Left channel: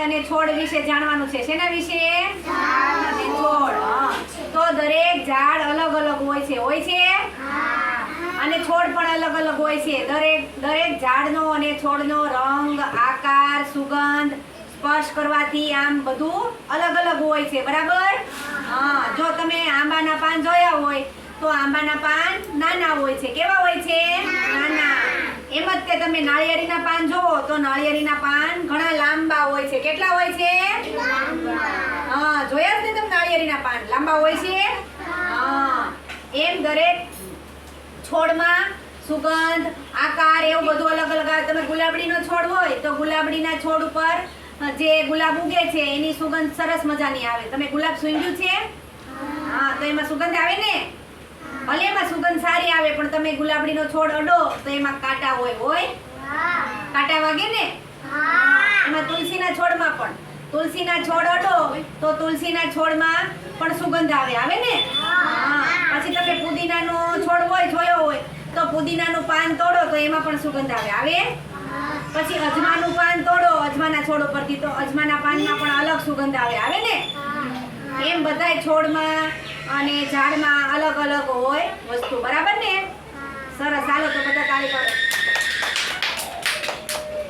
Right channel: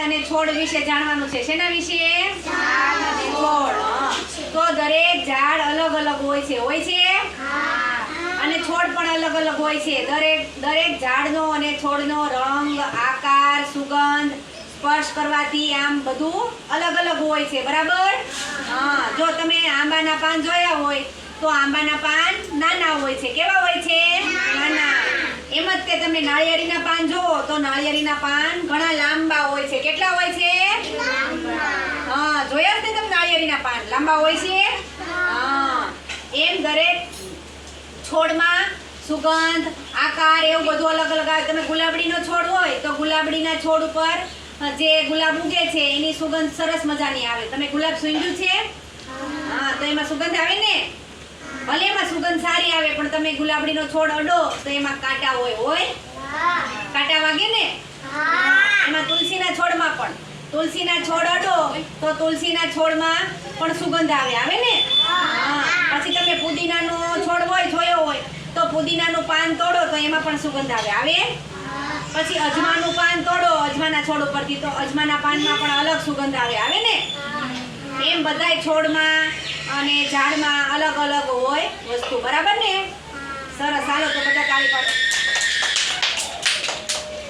અને છોડ વિશે જાણવાનું છે. શેના વિશે? છોડ. તો દરેક ઝાડ અલગ અલગ હોય છે. હોય છે? અને છોડ પણ અલગ અલગ હોય છે. દરેક દરેક ઝાડનો અને છોડનો રંગ, આકાર, સુગંધ, સ્પર્શ કરવાથી આમ બધું અલગ અલગ હોય છે. બરાબર? હા. જો તમે આંબાના પાન જોયા હોય, તો આંબાના પાન નાના હોય છે. કેવા હોય છે? નાના. એમ જ કે તમે નાળિયેરીના પાન જોવો તો નાળિયેરીના પાન કેટલા હોય છે? હા, જોયા છે તમે નાળિયેરીના પાન. લાંબા હોય છે? હા. એમ દરેક છોડમાં સુગંધ, આકાર એવું બધું અલગ અલગ આવે. તમે ગુલાબડીનો છોડ હોય તો ગુલાબડીના છોડ ઉપર જે ગુલાબ ઉગે છે, એની સુગંધ સરસ મજાની આવે. તમે ગુલાબ સૂંઘ્યું છે? હા, તો એમાં સુગંધ આવે ને? ભલે એમાં સુગંધ સારી આવે, પણ તમે ગુલાબડીનો છોડ અડો તો એમાં કાંટા હોય હોય? કાંટા વાગે ને? એમાં તુલસીના છોડમાં પણ. તુલસીના છોડ અડો તો તુલસીના છોડમાં પણ સુગંધ આવે. આવે ને? પછી તમે પુદીનાનો છોડ હોય, જોયો હોય, તો પુદીનાનું પાન તોડો તો એમાં પણ સુગંધ આવે. આવે? પછી અજમાનું પાન તોડો, અજમાના છોડ ઉપરથી તો અજમાના પાનમાં પણ અલગ સુગંધ આવે. આવે ને? એમ બધાય છોડમાં અને ઝાડમાં અલગ અલગ હોય વસ્તુ. બરાબર ને? સરસ. હાલો તો બધા તાળી પાડો